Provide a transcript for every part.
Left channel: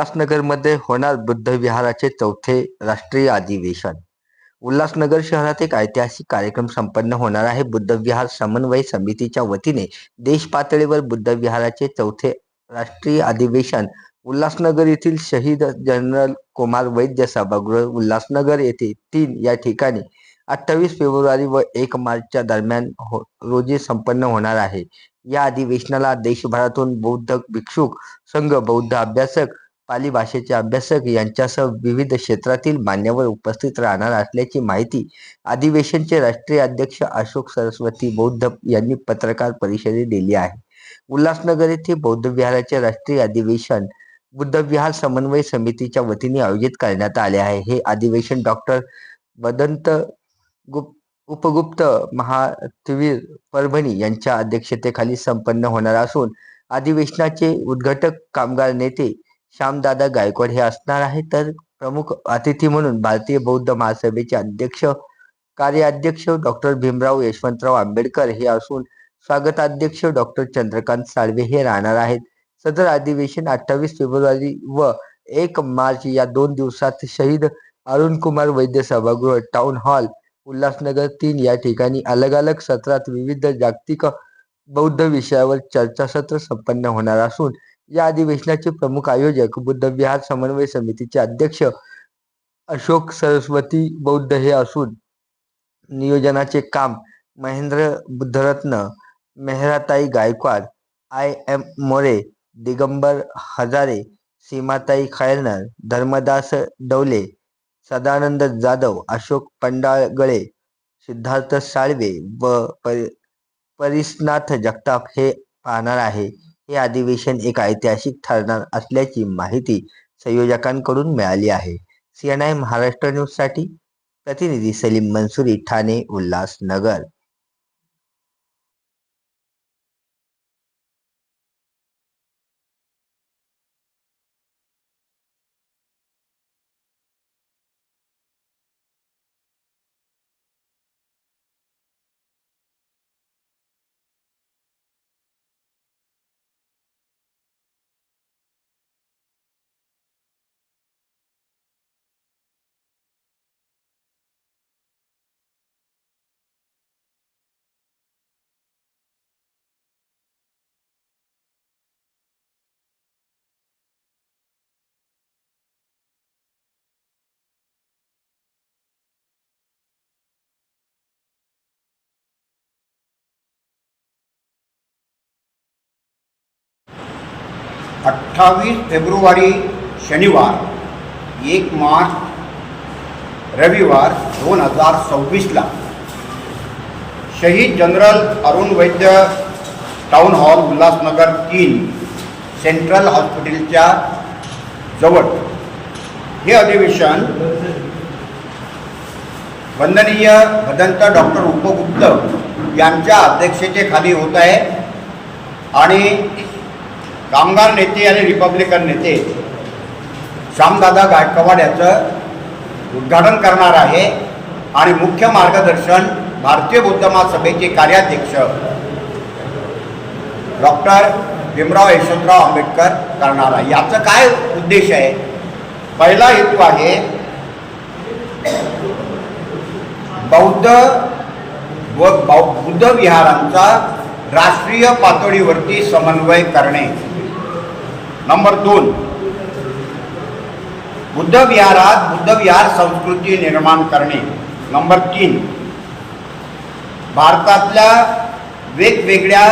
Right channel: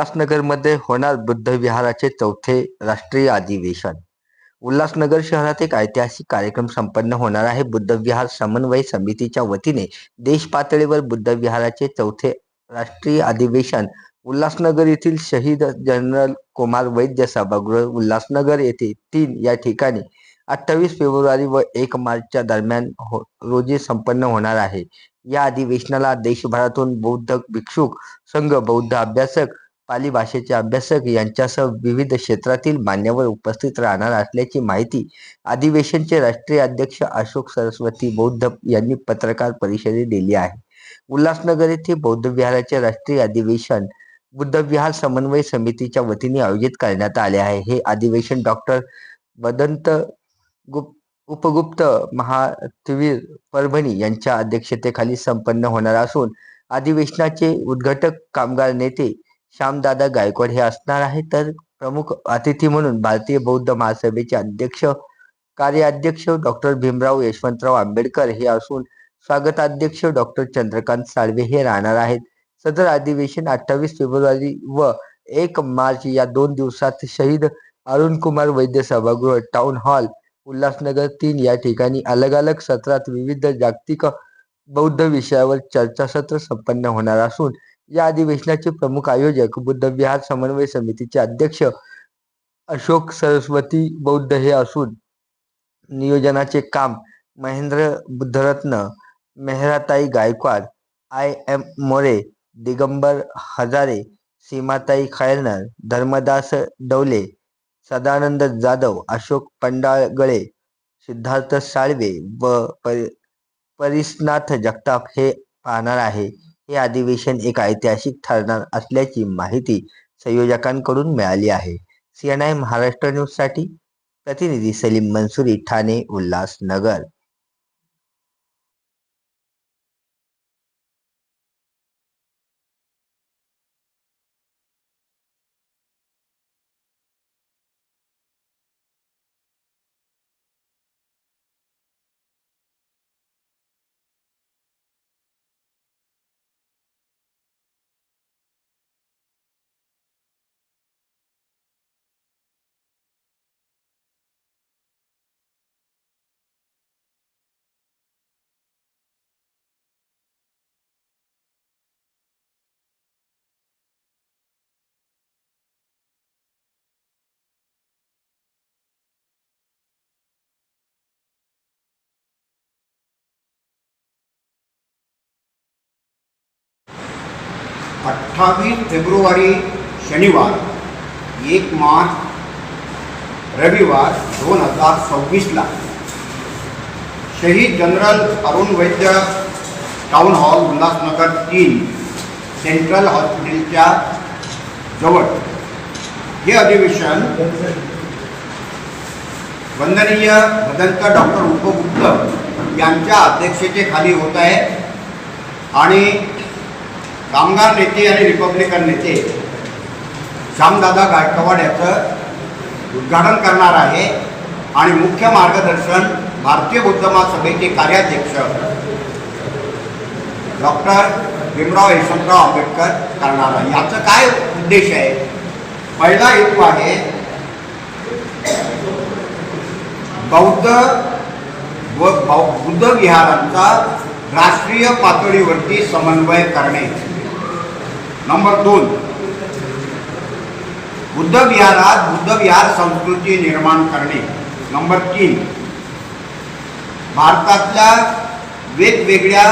उल्हासनगरमध्ये होणार बुद्ध विहाराचे चौथे राष्ट्रीय अधिवेशन. उल्हासनगर शहरात एक ऐतिहासिक कार्यक्रम संपन्न होणार आहे. बुद्ध विहार समन्वय समितीच्या वतीने देश पातळीवर बुद्ध विहाराचे चौथे राष्ट्रीय अधिवेशन उल्हासनगर येथील शहीद जनरल कुमार वैद्य सभागृह उल्हासनगर येथे तीन या ठिकाणी अठ्ठावीस फेब्रुवारी व एक मार्चच्या दरम्यान हो रोजी संपन्न होणार आहे. या अधिवेशनाला देशभरातून बौद्ध भिक्षुक संघ बौद्ध अभ्यासक पाली भाषेचे अभ्यासक यांच्यासह विविध क्षेत्रातील मान्यवर उपस्थित राहणार असल्याची माहिती अधिवेशनचे राष्ट्रीय अध्यक्ष अशोक सरस्वती बौद्ध यांनी पत्रकार परिषदेत दिली आहे. उल्हासनगर येथे बौद्ध विहाराचे राष्ट्रीय अधिवेशन बुद्ध विहार समन्वय समितीच्या वतीने आयोजित करण्यात आले आहे. हे अधिवेशन डॉक्टर वदंत गुप्त उपगुप्त महातवीर परभणी यांच्या अध्यक्षतेखाली संपन्न होणार असून अधिवेशनाचे उद्घाटक कामगार नेते श्यामदादा गायकवाड हे असणार आहे. तर प्रमुख अतिथी म्हणून भारतीय बौद्ध महासभेचे अध्यक्ष कार्याध्यक्ष डॉक्टर भीमराव यशवंतराव आंबेडकर हे असून स्वागताध्यक्ष डॉक्टर चंद्रकांत साळवे हे राहणार आहेत. सदर अधिवेशन अठ्ठावीस फेब्रुवारी व एक मार्च या दोन दिवसात शहीद अरुण कुमार वैद्य सभागृह टाउन हॉल उल्हासनगर तीन या ठिकाणी अलग अलग सत्रात विविध जागतिक बौद्ध विषयावर चर्चासत्र संपन्न होणार असून या अधिवेशनाचे प्रमुख आयोजक बुद्ध विहार समन्वय समितीचे अध्यक्ष अशोक सरस्वती बौद्ध हे असून नियोजनाचे काम महेंद्र बुद्धरत्न मेहराताई गायकवाड आय एम मोरे दिगंबर हजारे सीमाताई खैरनर धर्मदास डवले सदानंद जाधव अशोक पंडाळगळे सिद्धार्थ साळवे व परि परिसनाथ जगताप हे पाहणार आहे. हे अधिवेशन एक ऐतिहासिक ठरणार असल्याची माहिती संयोजकांकडून मिळाली आहे. सीएनआय महाराष्ट्र न्यूजसाठी प्रतिनिधी सलीम मंसुरी ठाणे उल्हासनगर. अठ्ठावीस फेब्रुवारी शनिवार एक मार्च रविवार दोन हजार सव्वीसला शहीद general Arun Vaidya town hall Ulhasnagar तीन सेंट्रल हॉस्पिटलच्या जवळ. हे अधिवेशन वंदनीय भदंत डॉक्टर उपगुप्त यांच्या अध्यक्षतेखाली होत आहे आणि कामगार नेते आणि रिपब्लिकन नेते. श्यामदादा गायकवाड याचं उद्घाटन करणार आहे. आणि मुख्य मार्गदर्शन भारतीय उद्यमा सभेचे कार्याध्यक्ष डॉक्टर भीमराव यशवंतराव आंबेडकर करणार आहे. याचं काय उद्देश आहे? पहिला हेतू आहे बौद्ध व बौ- बुद्ध विहारांचा राष्ट्रीय पातळीवरती समन्वय करणे. नंबर दोन. बुद्ध विहारात बुद्ध विहार संस्कृती निर्माण करणे. नंबर तीन. भारतातल्या वेगवेगळ्या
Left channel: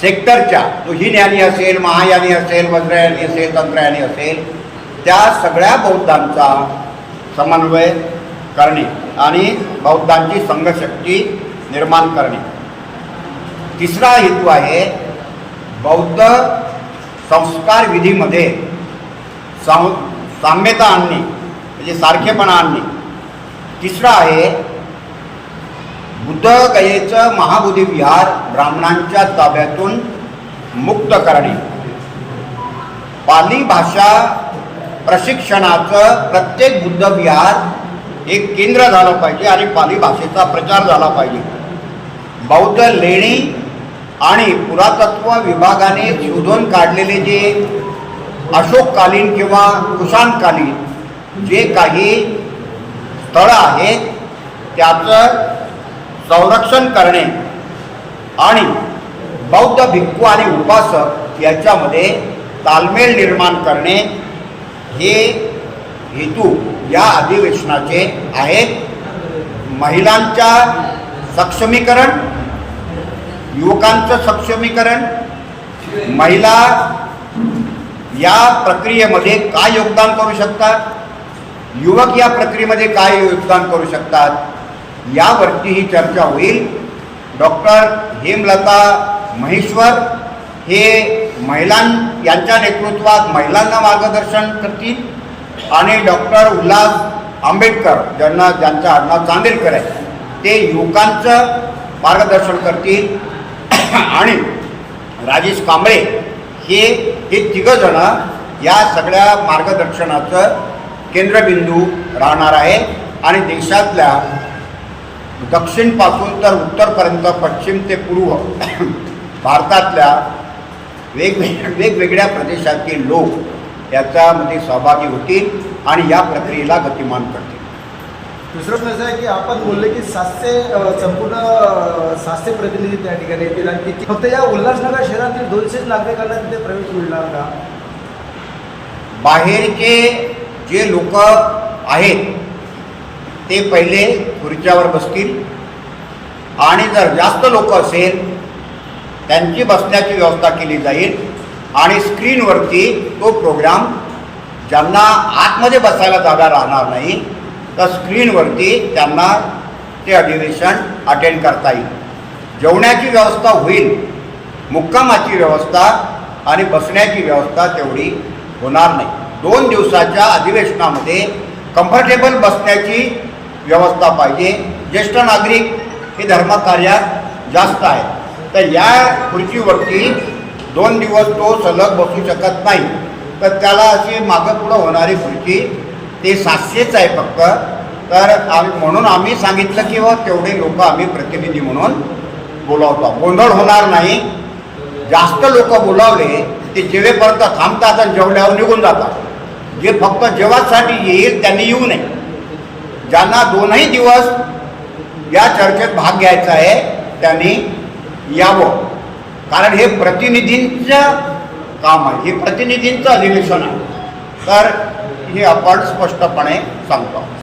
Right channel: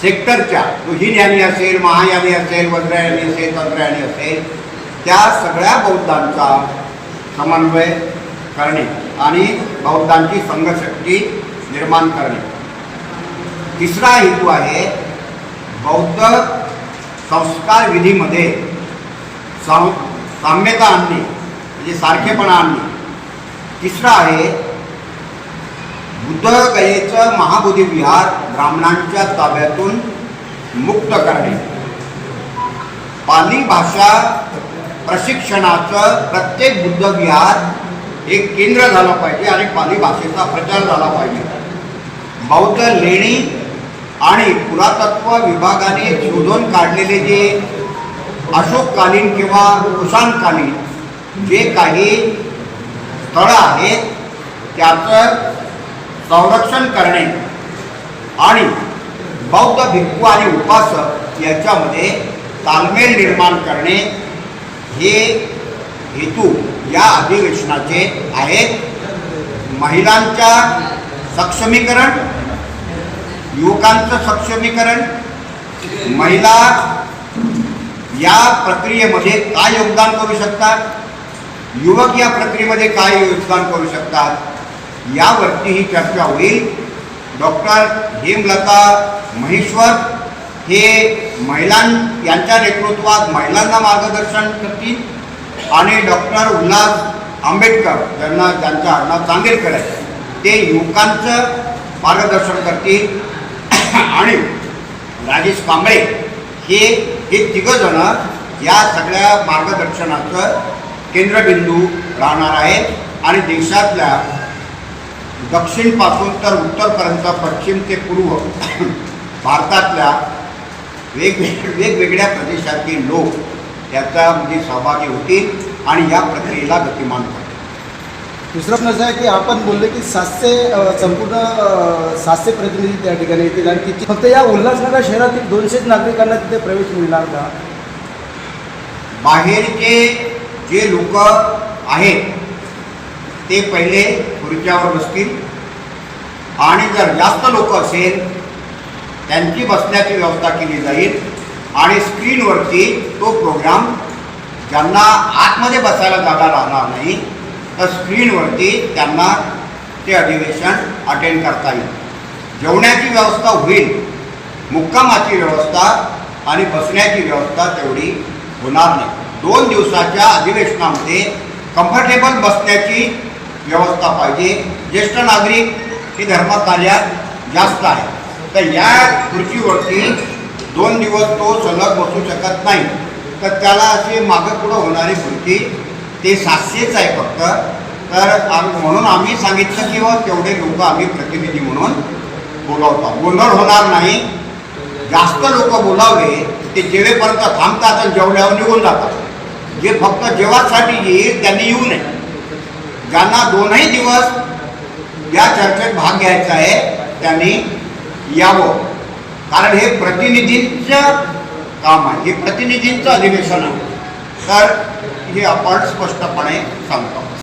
सेक्टरच्या तो हिनयानी असेल महायानी असेल वज्रयानी असेल तंत्रयानी असेल त्या सगळ्या बौद्धांचा समन्वय करणे आणि बौद्धांची संघशक्ती निर्माण करणे. तिसरा हेतू आहे बौद्ध संस्कार विधीमध्ये सं साम्यता आणणे म्हणजे सारखेपणा आणणे तिसरं आहे बुद्धगयेचं महाबोधी विहार ब्राह्मणांच्या ताब्यातून मुक्त करणे. पाली भाषा प्रशिक्षणाचं प्रत्येक बुद्ध विहार एक केंद्र झालं पाहिजे आणि पाली भाषेचा प्रचार झाला पाहिजे. बौद्ध लेणी आणि पुरातत्व विभागाने शोधून काढलेले जे अशोककालीन किंवा कुशाणकालीन जे काही स्थळं आहेत त्याचं संरक्षण करणे आणि बौद्ध भिक्खू आणि उपासक याच्यामध्ये तालमेल निर्माण करणे हे हेतू या अधिवेशनाचे आहेत. महिलांच्या सक्षमीकरण युवकांचं सक्षमीकरण महिला या प्रक्रियेमध्ये काय योगदान करू शकतात? युवक या प्रक्रियेमध्ये काय योगदान करू शकतात? यावरती ही चर्चा होईल. डॉक्टर हेमलता महेश्वर हे महिलां यांच्या नेतृत्वात महिलांना मार्गदर्शन करतील आणि डॉक्टर उल्हास आंबेडकर ज्यांना ज्यांचं आडनाव चांदेलकर आहे ते युवकांचं मार्गदर्शन करतील. आणि राजेश कांबळे हे हे तिघंजणं या सगळ्या मार्गदर्शनाचं केंद्रबिंदू राहणार आहे. आणि देशातल्या दक्षिणपासून तर उत्तरपर्यंत पश्चिम ते पूर्व भारतातल्या वेगवेग वेगवेगळ्या प्रदेशातील लोक याच्यामध्ये सहभागी होतील आणि या प्रक्रियेला गतिमान करतील. दुसरं प्रश्न आहे की आपण बोलले की सातशे संपूर्ण सातशे प्रतिनिधी त्या ठिकाणी येतील आणि किती फक्त या उल्हासनगर शहरातील दोनशेच नागरिकांना तिथे प्रवेश मिळणार का? बाहेरचे जे लोक आहेत ते पहिले खुर्च्यावर बसतील. आणि जर जास्त लोक असेल त्यांची बसण्याची व्यवस्था केली जाईल आणि स्क्रीनवरती तो प्रोग्राम ज्यांना आतमध्ये बसायला जागा राहणार नाही तर स्क्रीनवरती त्यांना ते अधिवेशन अटेंड करता येईल. जेवण्याची व्यवस्था होईल मुक्कामाची व्यवस्था आणि बसण्याची व्यवस्था तेवढी होणार नाही. दोन दिवसाच्या अधिवेशनामध्ये कम्फर्टेबल बसण्याची व्यवस्था पाहिजे. ज्येष्ठ नागरिक हे धर्मकार्यात जास्त आहे तर या खुर्चीवरती दोन दिवस तो सलग बसू शकत नाही. तर त्याला अशी मागं पुढं होणारी खुर्ची ते सातशेच आहे फक्त. तर आम्ही म्हणून आम्ही सांगितलं की बा तेवढे लोक आम्ही प्रतिनिधी म्हणून बोलावतो. गोंधळ होणार नाही. जास्त लोक बोलावले ते जेवेपर्यंत थांबतात आणि जेवल्यावर निघून जातात. जे फक्त जेवासाठी येईल त्यांनी येऊ नये. ज्यांना दोनही दिवस या चर्चेत भाग घ्यायचा आहे त्यांनी यावं. कारण हे प्रतिनिधींचं काम आहे. हे प्रतिनिधींचं अधिवेशन आहे. तर हे आपण स्पष्टपणे सांगतो.